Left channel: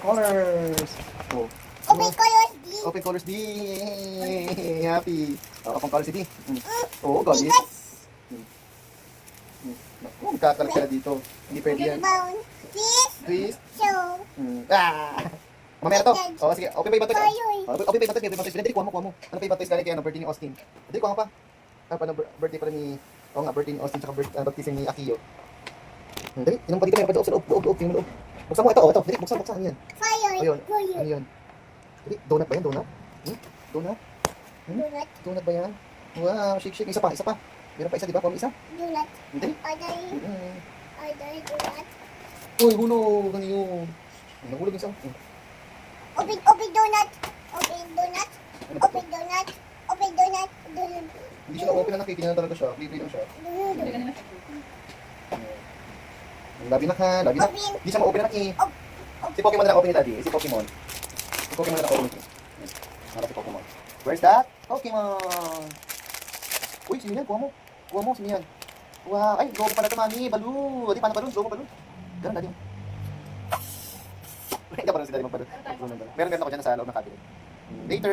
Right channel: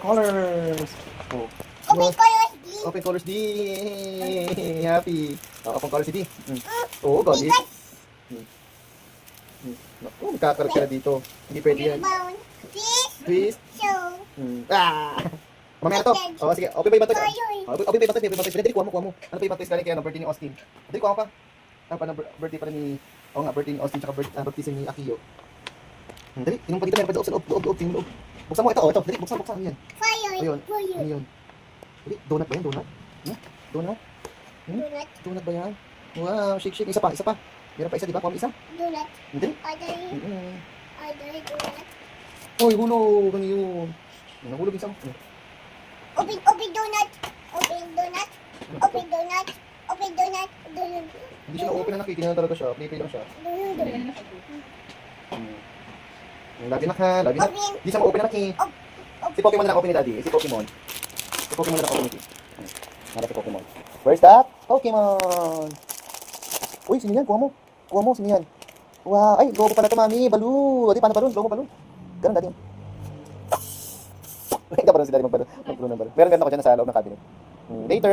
Colors. Oh. Open colors D. Open colors D. Happy. Open colors D. Oo, gabi. Naku, magkakalat ka dito. Hindi pwede yan. Rebound. Fish. Twist. Show. Mamaya na to. Oh, sige. Open pa yung batoy. Colors. Open pa yung batoy. Dali, kuha mo. Ano pa yung batoy galing kay birthday ni Austin? Dali, kuha mo pa. Birthday pala ni... Oo nga, birthday ni Austin tsaka baptism ni Akio. Dali, inom pa dito. May loob. Tingnan mo loob. Buksan mo ito. Dali, buksan. Ano yan? Fire. Ayun. Fire. Ano yan? Dali, donut ba yan? Donut? Donut? Donut. Donut ba yan? Wow, shake. Isa pa. Meron pa isa, di ba? Kuha mo isa. Donut. Dali. Order donut. Uy, hulog. Ano yun? Nahulog isa. Open donut. Open donut. Open donut. Open donut. Donut. Hindi siya na-open na nakikita na talaga siya. Play lang siya. Donut. Labi na ka. Open. Hindi siya ma-open na nakikita. Si Pokemon na open ni Daddy. Si Pokemon na open ni Harap si Pokemon. Where's that? Pokemon! Uy, sino yan? Kuha mo, sino yan? Wow, ay, gogo pala ito, mami. Baloo. Di, paano balon? Gogo balon. Ganun, Daddy. Hindi pa rin si Daddy magbalon. Meron ako dyan sa loob ng cabinet. Later.